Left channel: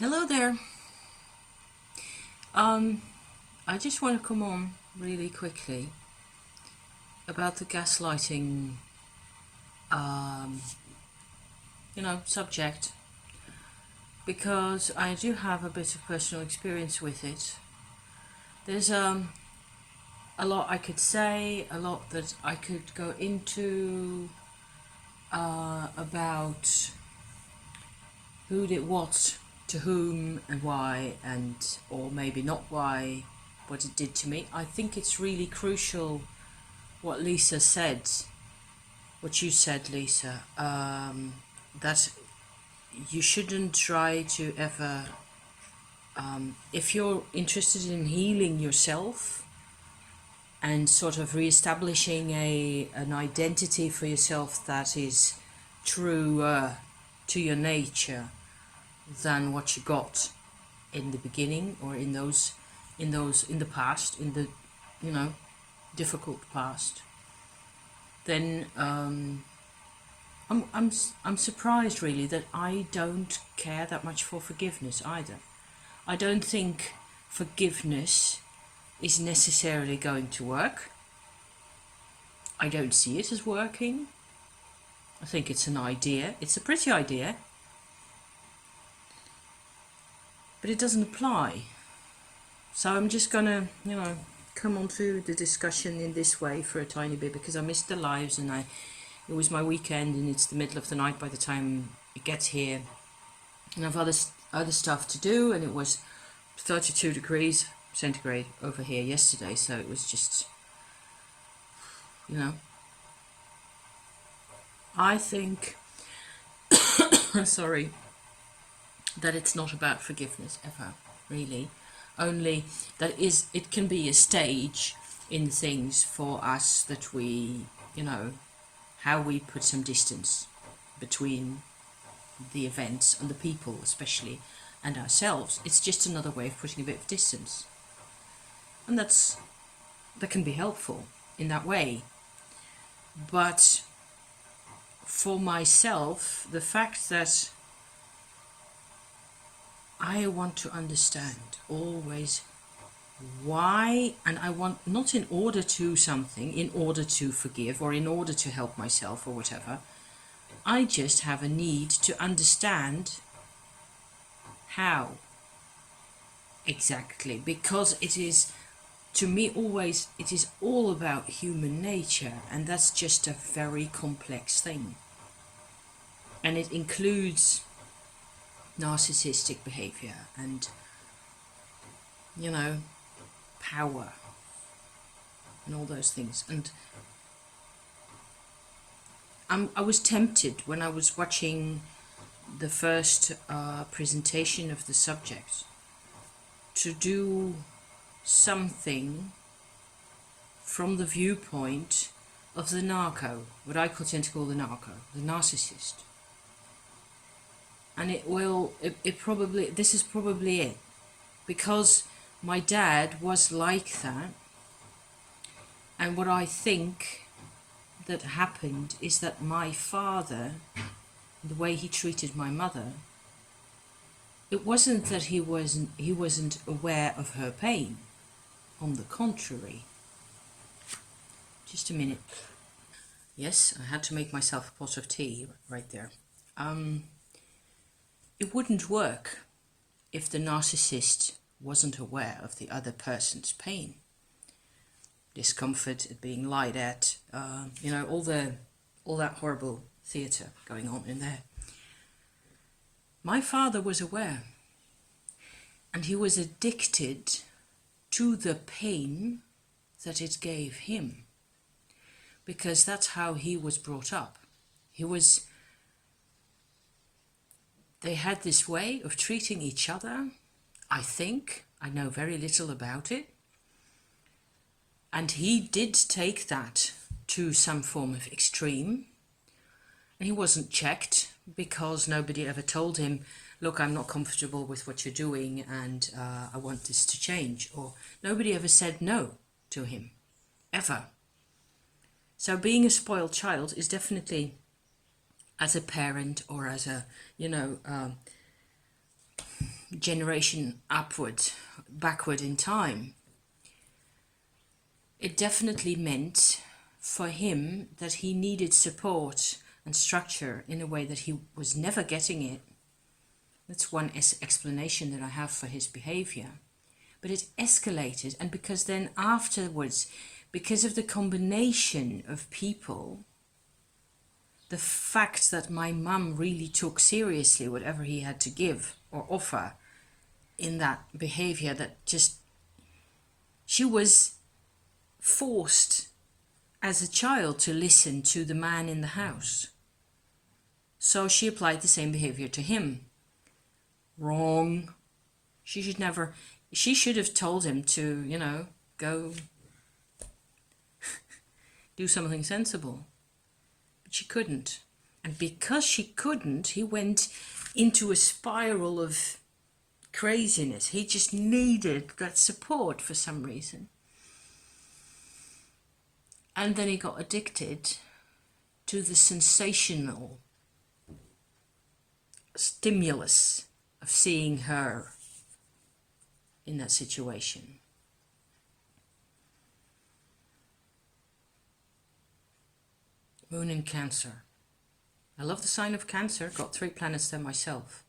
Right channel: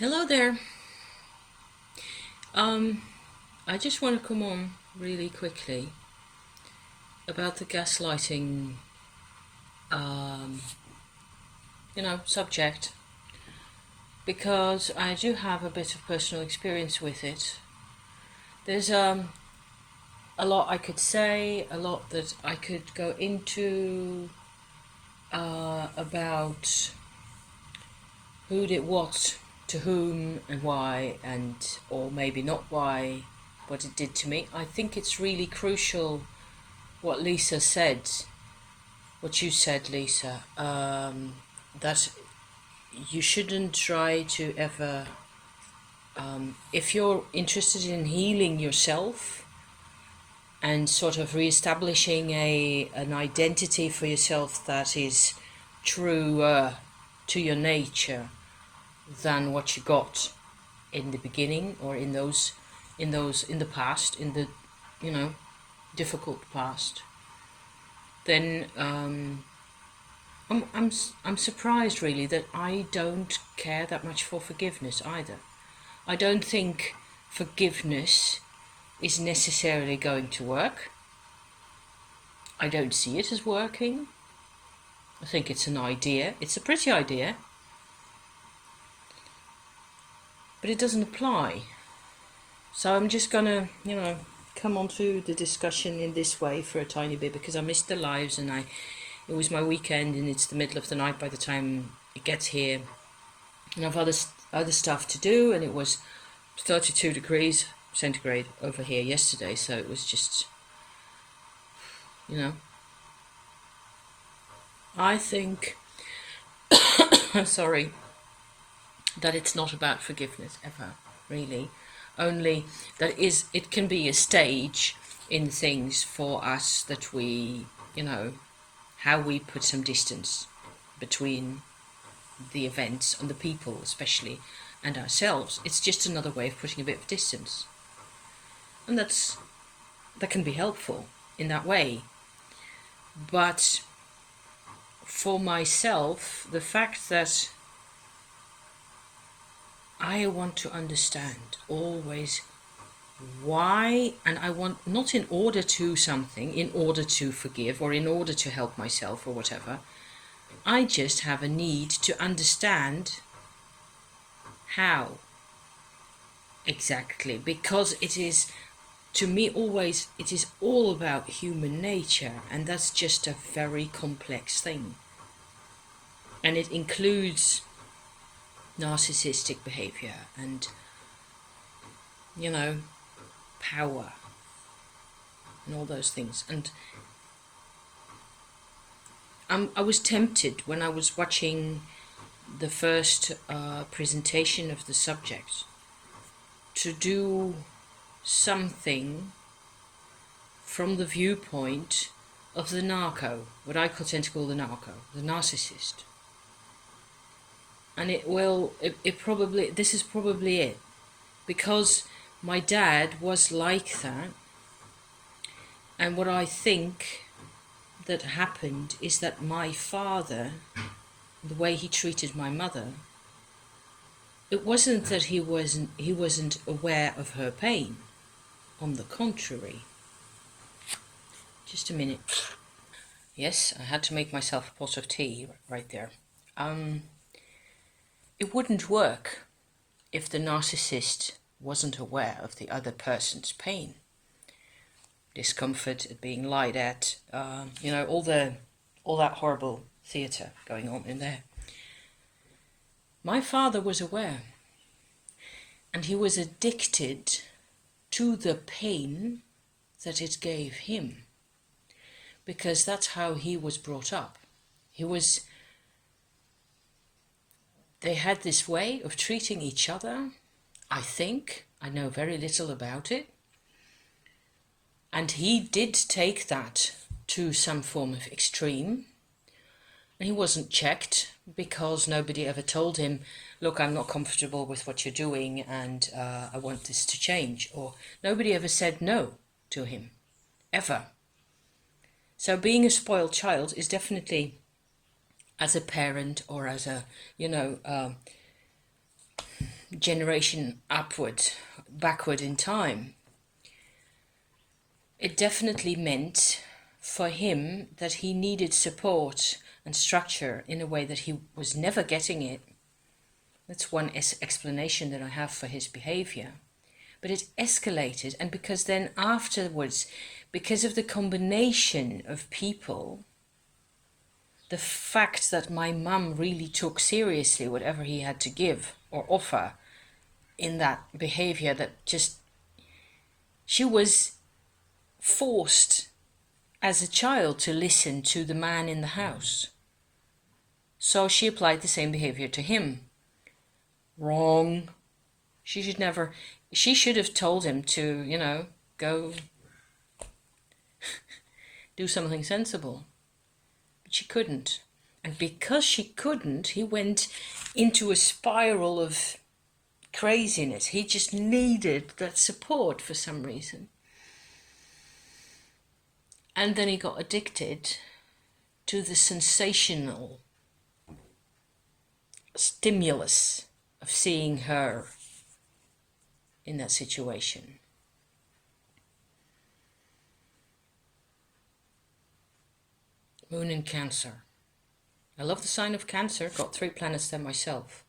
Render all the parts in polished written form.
Hello there. Um, I just want to come on really quickly about the gaslighting, um, subject because I do have a bit of personal experience with it. There's a lot I could say, a lot that I could go into about who did what to whom and why, and or maybe not why, what it did to me. I think it's really crucial what Lisa said, what you said, Lisa, that you shouldn't try to ever, if you're interested in healing yourself and sort of re-establishing an identity for yourself that is truer to your nature than what you got in the beginning or in the past, in the difficult past, then I'm surprised really that I don't care that much for forgiveness either. I don't think forgiveness is necessarily going to work. I don't see it as working. I think it's an idea. It's a pretty idea, but it doesn't apply. So I'm just gonna, come on to the discussion in this way for a tiny bit because I missed the lives and it was my weekend and it's the middle of the night by the time it gets here, and I've other stuff to do, and it was 32 degrees centigrade over here yesterday, so it was just, I think, sorry, that it's not about forgiveness ever, really. Only that it can be a stage in things for us that we, how we put some distance between the events and the people especially and ourselves. It's just another way of putting a bit of distance. And that can be helpful in that way. But for myself, the fact that I want to understand always why, and I want not in order to something, in order to forgive or in order to help myself or whatever. I just have a need to understand how exactly, because it is, to me, always, it is all about human nature, and that's just a very complex thing. And it includes narcissistic behavior and, power and all those things. And I was tempted when I was watching the first presentation of the subject to do something from the viewpoint of the narco, what I tend to call the narco, the narcissist. And this is probably it, because my dad was like that, and what I think that happened is that my father, the way he treated my mother, it wasn't that he wasn't aware of her pain. On the contrary. Just a minute. Yes, I had to make myself a pot of tea right there. It wouldn't work if the narcissist wasn't aware of the other person's pain, discomfort at being lied at, all that horrible theatre going on in there. My father was aware, and he was addicted to the pain that it gave him, because that's how he was brought up. They had this way of treating each other. I think, I know very little about it, and he did take that to some form of extreme, and he wasn't checked because nobody ever told him, look, I'm not comfortable with what you're doing and I want this to change, or nobody ever said no to him, ever. So being a spoiled child is definitely, as a parent or as a, generation backward in time, it definitely meant for him that he needed support and structure in a way that he was never getting it. That's one explanation that I have for his behavior. But it escalated, and because then afterwards, because of the combination of people, the fact that my mum really took seriously whatever he had to give or offer in that behavior, that just, she was forced as a child to listen to the man in the house. So she applied the same behavior to him. Wrong. She should have told him to, go do something sensible. But she couldn't. And because she couldn't, he went into a spiral of craziness. He just needed that support for some reason. And then he got addicted to the sensational stimulus of seeing her in that situation. Moon in Cancer. I love the sign of Cancer. Got 3 planets there myself.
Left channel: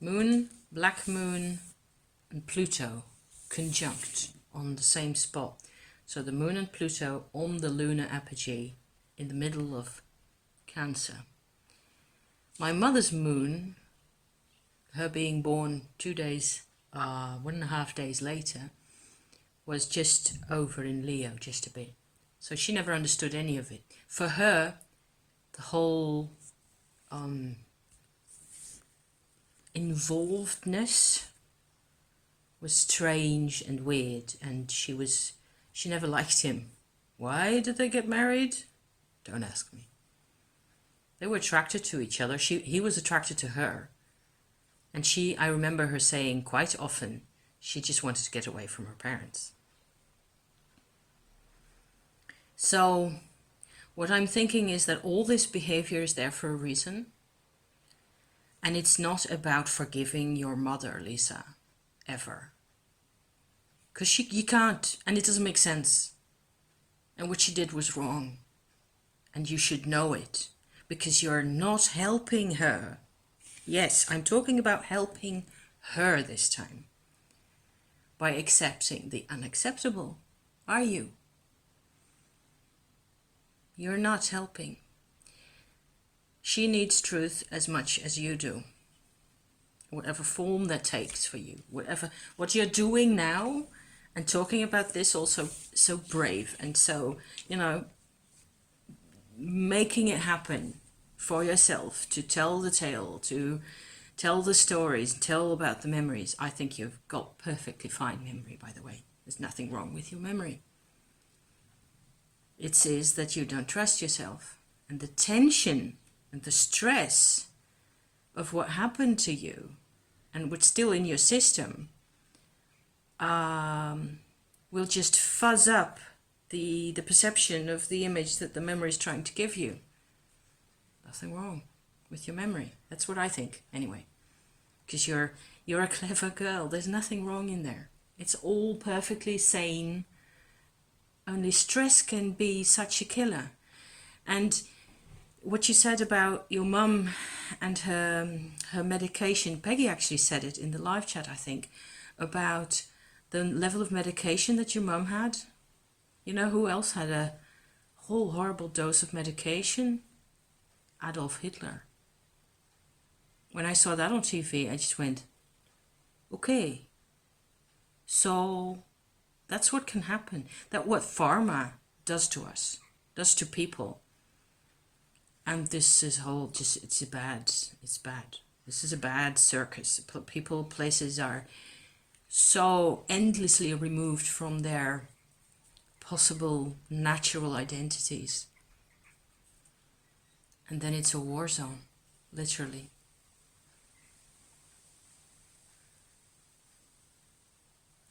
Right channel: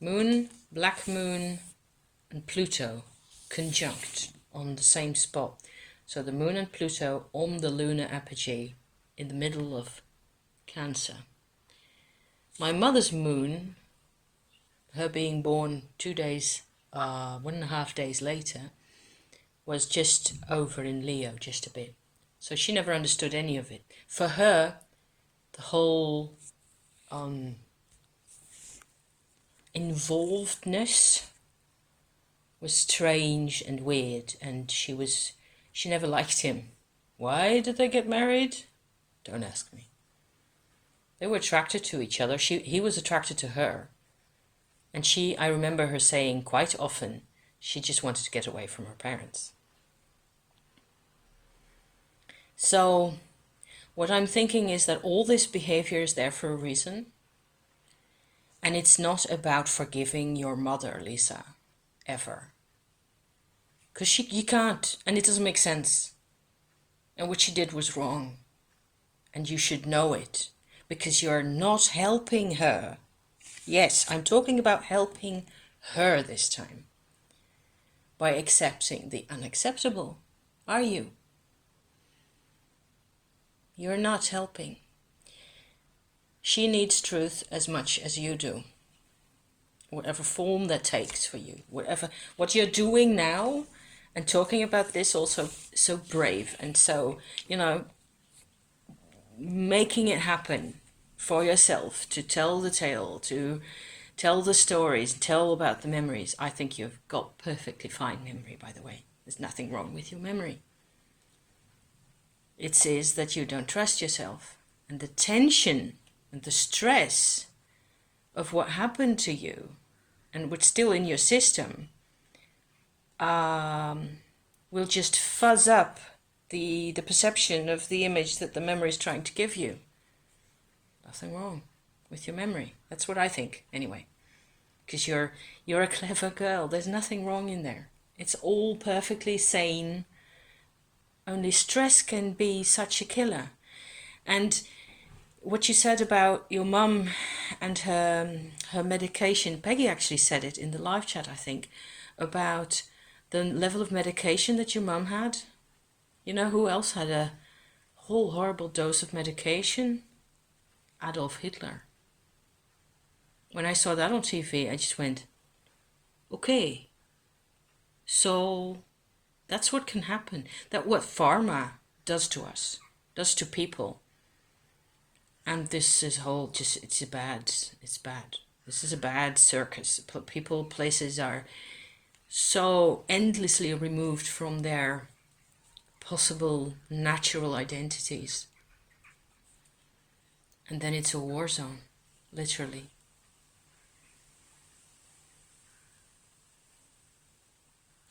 Moon, Black Moon, and Pluto conjunct on the same spot. So the Moon and Pluto on the lunar apogee in the middle of Cancer. My mother's moon, her being born 1.5 days later, was just over in Leo, just a bit. So she never understood any of it. For her, the whole involvedness was strange and weird, and she never liked him. Why did they get married? Don't ask me. They were attracted to each other. He was attracted to her. And I remember her saying quite often, she just wanted to get away from her parents. So what I'm thinking is that all this behavior is there for a reason. And it's not about forgiving your mother, Lisa, ever. Because you can't, and it doesn't make sense. And what she did was wrong. And you should know it, because you're not helping her. Yes, I'm talking about helping her this time. By accepting the unacceptable. Are you? You're not helping. She needs truth as much as you do. Whatever form that takes for you. What you're doing now, and talking about this also so brave and so, making it happen for yourself, to tell the tale, to tell the stories, tell about the memories. I think you've got perfectly fine memory, by the way. There's nothing wrong with your memory. It says that you don't trust yourself. And the tension and the stress of what happened to you and what's still in your system will just fuzz up the perception of the image that the memory is trying to give you. Nothing wrong with your memory. That's what I think, anyway. Because you're a clever girl. There's nothing wrong in there. It's all perfectly sane. Only stress can be such a killer. And what you said about your mum and her medication, Peggy actually said it in the live chat, I think, about the level of medication that your mum had. You know who else had a whole horrible dose of medication? Adolf Hitler. When I saw that on TV, I just went, okay, so that's what can happen. That's what pharma does to us, does to people. And this is it's bad. This is a bad circus. People, places are so endlessly removed from their possible natural identities. And then it's a war zone, literally.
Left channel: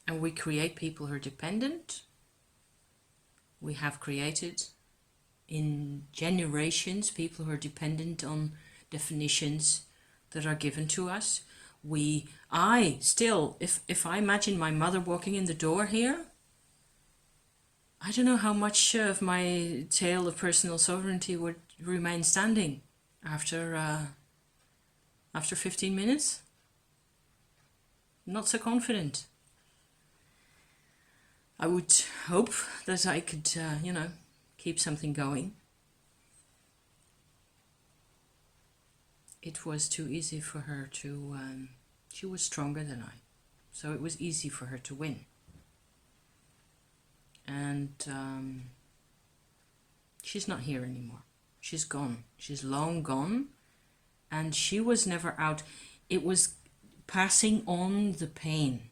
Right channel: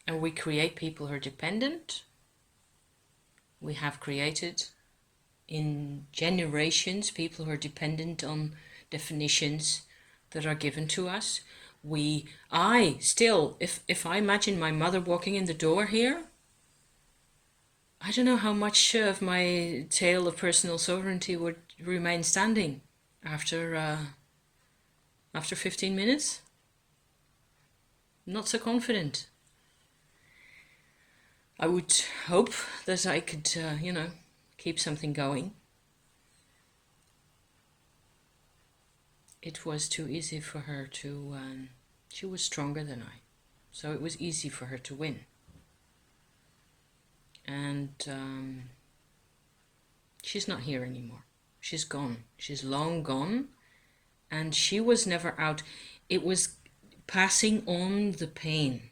And we create people who are dependent. We have created in generations people who are dependent on definitions that are given to us. I still, if I imagine my mother walking in the door here, I don't know how much of my tale of personal sovereignty would remain standing after after 15 minutes. Not so confident. I would hope that I could, keep something going. It was too easy for her to, she was stronger than I, so it was easy for her to win. And she's not here anymore. She's gone. She's long gone. And she was never out. It was passing on the pain,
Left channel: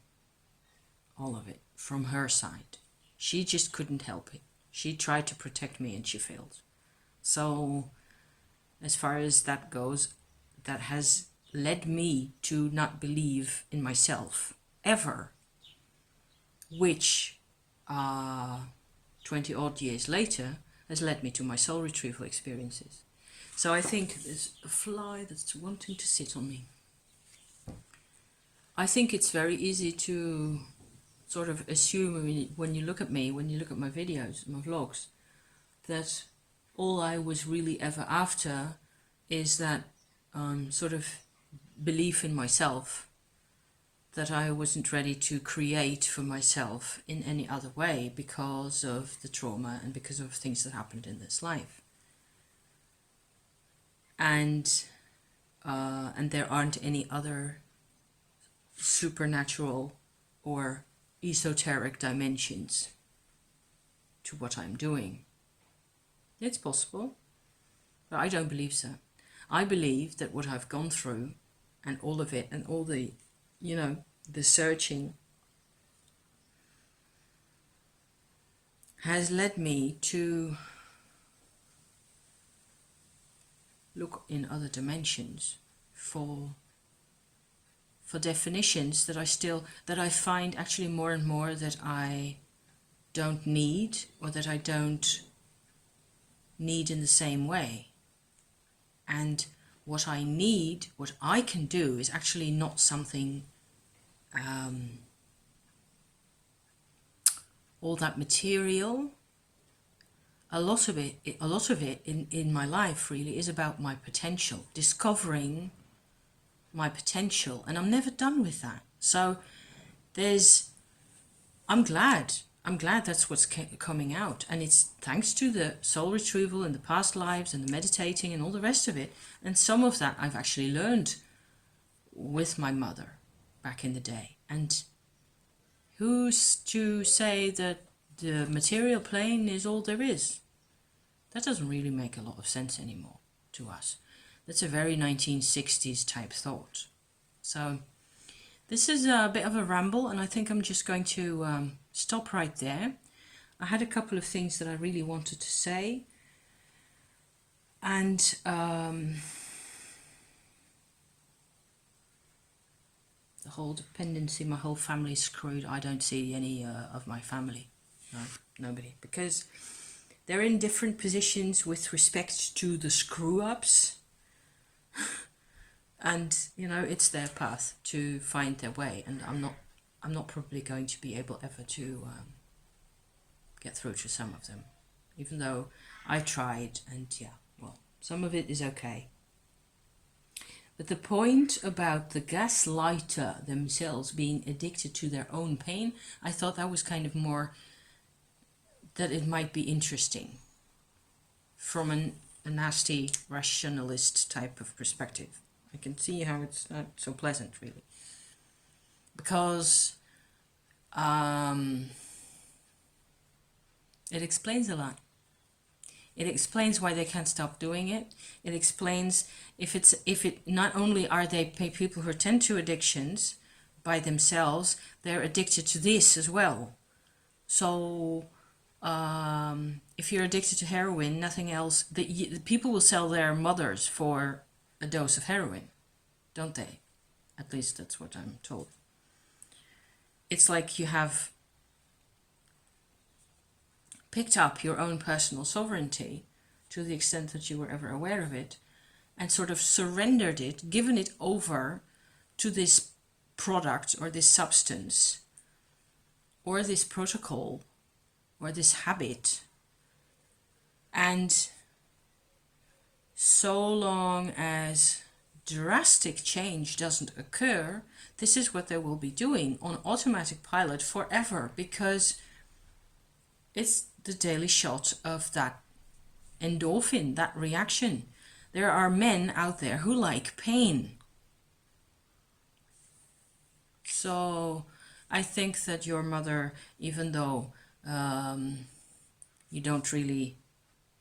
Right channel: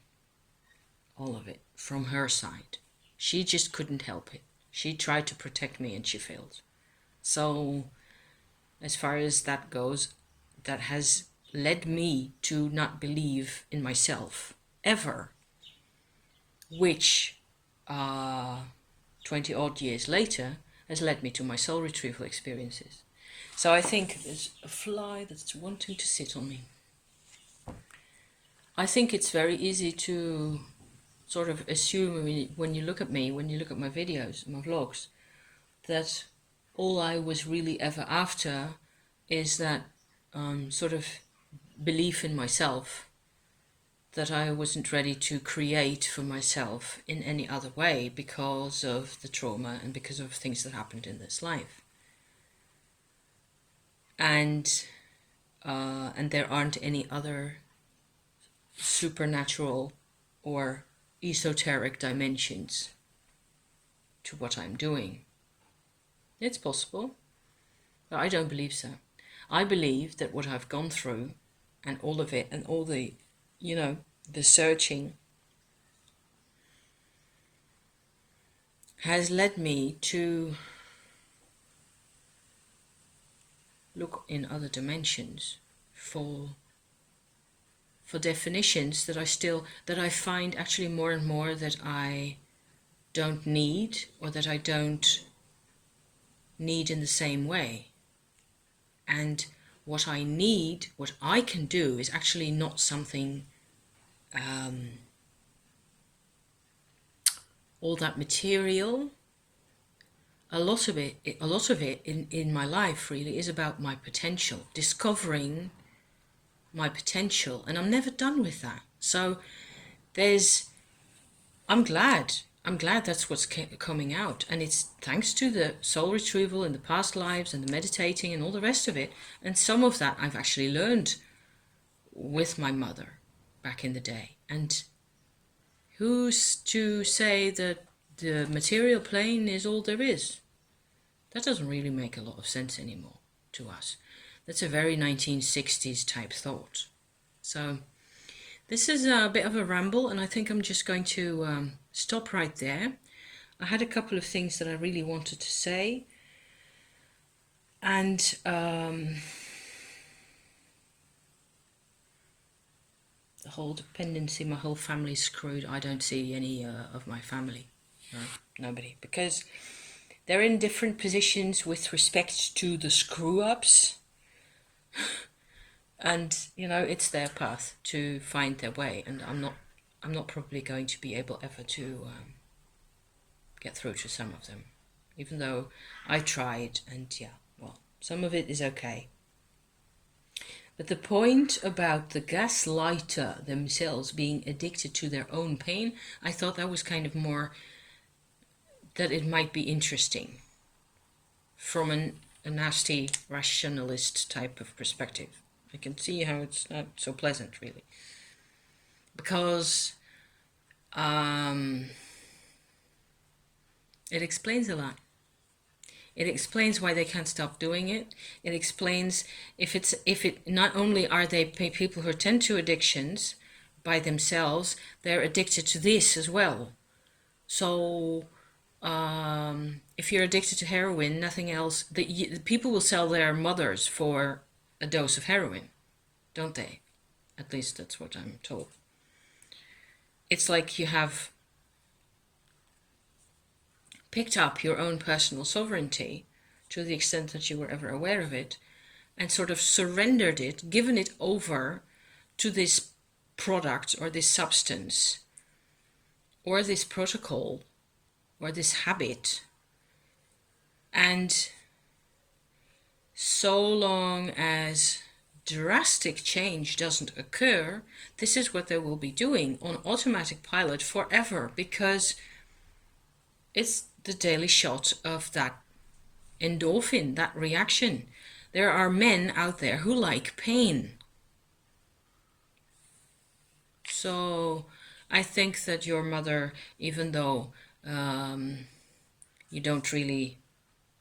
all of it, from her side. She just couldn't help it. She tried to protect me and she failed. So as far as that goes, that has led me to not believe in myself ever, which 20 odd years later has led me to my soul retrieval experiences. So I think there's a fly that's wanting to sit on me. I think it's very easy to sort of assume when you look at me, when you look at my videos, my vlogs, that all I was really ever after is that sort of belief in myself, that I wasn't ready to create for myself in any other way because of the trauma and because of things that happened in this life. And there aren't any other supernatural or esoteric dimensions to what I'm doing. It's possible, but I don't believe so. I believe that what I've gone through and all of it and all the, the searching has led me to look in other dimensions for definitions that I find actually more and more that I don't need, or that I don't need in the same way. And what I need, what I can do, is actually not something all that material. A lot of it in my life really is about my potential, discovering my potential, and I'm never done with that. So I'm glad that's what's coming out, and it's thanks to the soul retrieval and the past lives and the meditating and all the rest of it. And some of that I've actually learned with my mother back in the day. And who's to say that the material plane is all there is? That doesn't really make a lot of sense anymore to us. That's a very 1960s type thought. So this is a bit of a ramble, and I think I'm just going to stop right there. I had a couple of things that I really wanted to say, and the whole dependency, my whole family's screwed. I don't see any of my family, no, nobody, because they're in different positions with respect to the screw-ups. And it's their path to find their way, and I'm not probably going to be able ever to get through to some of them, even though I tried, and some of it is okay. But the point about the gaslighter themselves being addicted to their own pain, I thought that was kind of more that it might be interesting from a nasty rationalist type of perspective. I can see how it's not so pleasant, really, because it explains a lot. It explains why they can't stop doing it. It explains if it not only are they people who tend to addictions by themselves, they're addicted to this as well. So if you're addicted to heroin, nothing else. The people will sell their mothers for a dose of heroin, don't they? At least that's what I'm told. It's like you have picked up your own personal sovereignty to the extent that you were ever aware of it, and sort of surrendered it, given it over to this product or this substance or this protocol or this habit. And so long as drastic change doesn't occur, this is what they will be doing on automatic pilot forever, because it's the daily shot of that endorphin, that reaction. There are men out there who like pain. So I think that your mother, even though you don't really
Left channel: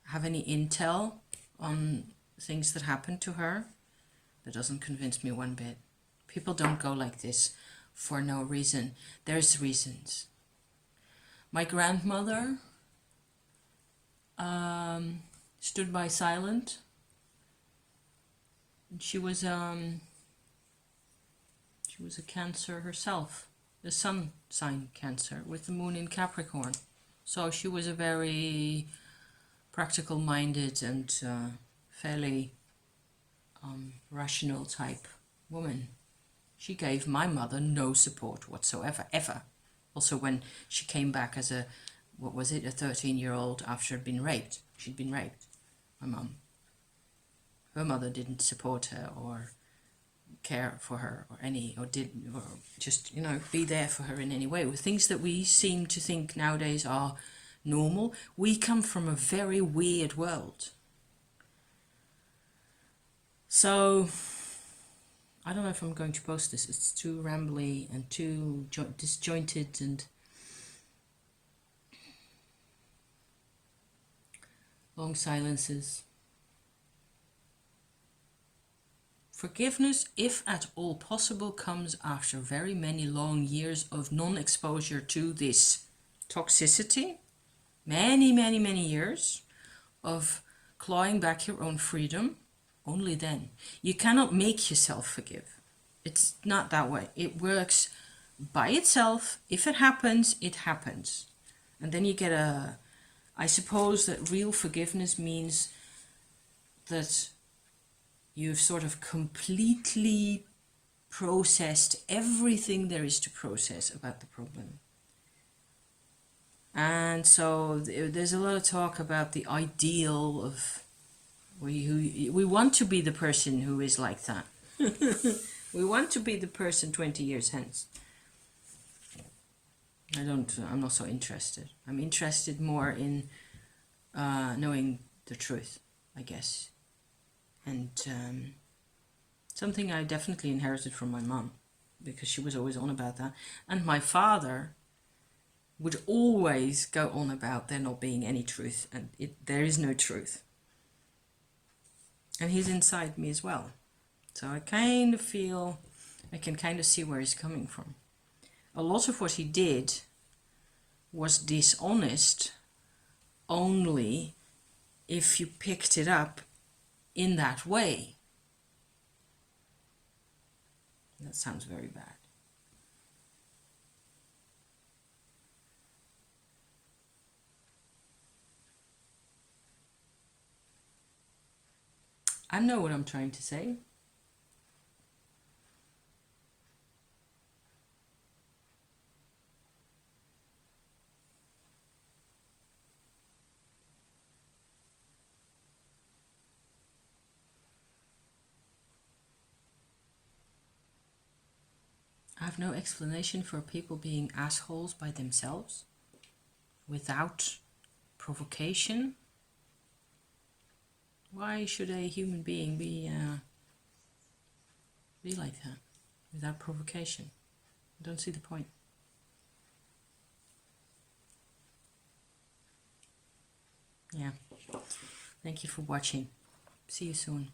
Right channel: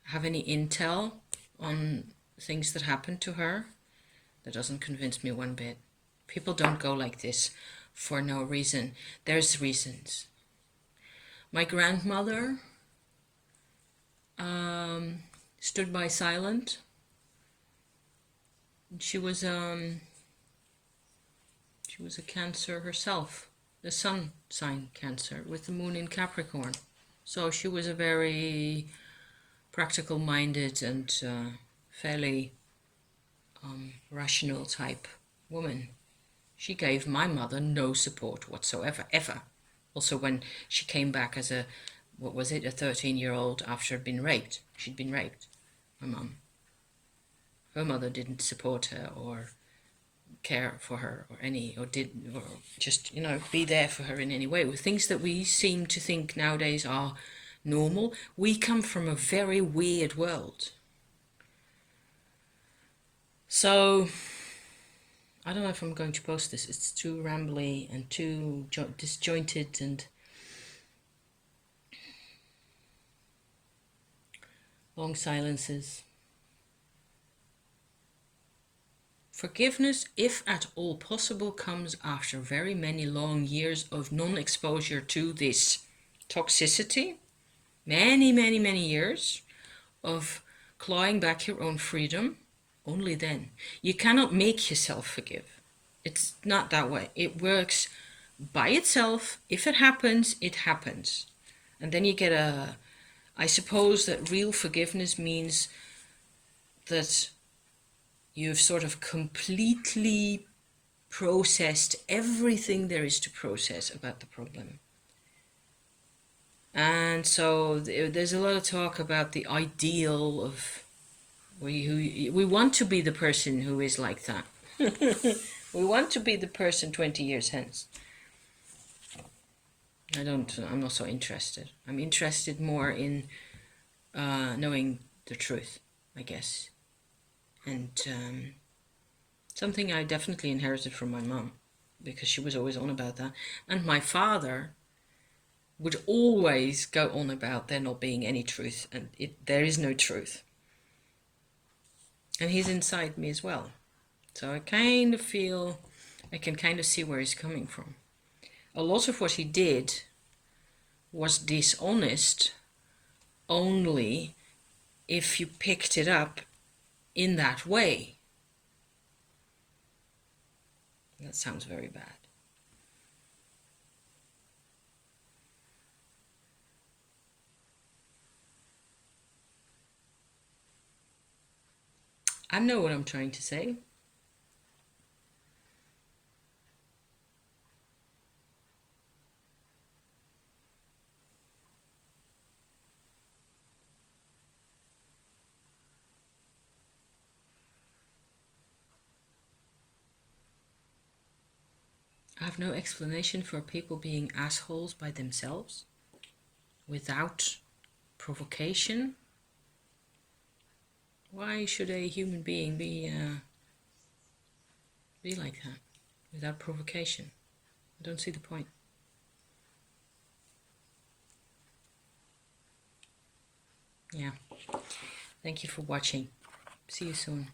have any intel on things that happened to her, that doesn't convince me one bit. People don't go like this for no reason. There's reasons. My grandmother stood by silent. She was a Cancer herself, the sun sign Cancer with the moon in Capricorn. So she was a very practical-minded and fairly rational type woman. She gave my mother no support whatsoever, ever. Also, when she came back as a 13-year-old after she'd been raped, my mum. Her mother didn't support her or care for her or just, be there for her in any way. With things that we seem to think nowadays are normal, we come from a very weird world. So I don't know if I'm going to post this. It's too rambly and too disjointed and long silences. Forgiveness, if at all possible, comes after very many long years of non-exposure to this toxicity. Many, many, many years of clawing back your own freedom. Only then. You cannot make yourself forgive. It's not that way. It works by itself. If it happens, it happens. And then you get I suppose that real forgiveness means that you've sort of completely processed everything there is to process about the problem. And so there's a lot of talk about the ideal of we want to be the person who is like that. We want to be the person 20 years hence. I'm not so interested. I'm interested more in knowing the truth, I guess. And something I definitely inherited from my mum, because she was always on about that. And my father would always go on about there not being any truth, and there is no truth. And he's inside me as well. So I kind of feel, I can kind of see where he's coming from. A lot of what he did was dishonest only if you picked it up in that way. That sounds very bad. I know what I'm trying to say. I have no explanation for people being assholes by themselves without provocation. Why should a human being be like that without provocation? I don't see the point. Yeah. Thank you for watching. See you soon.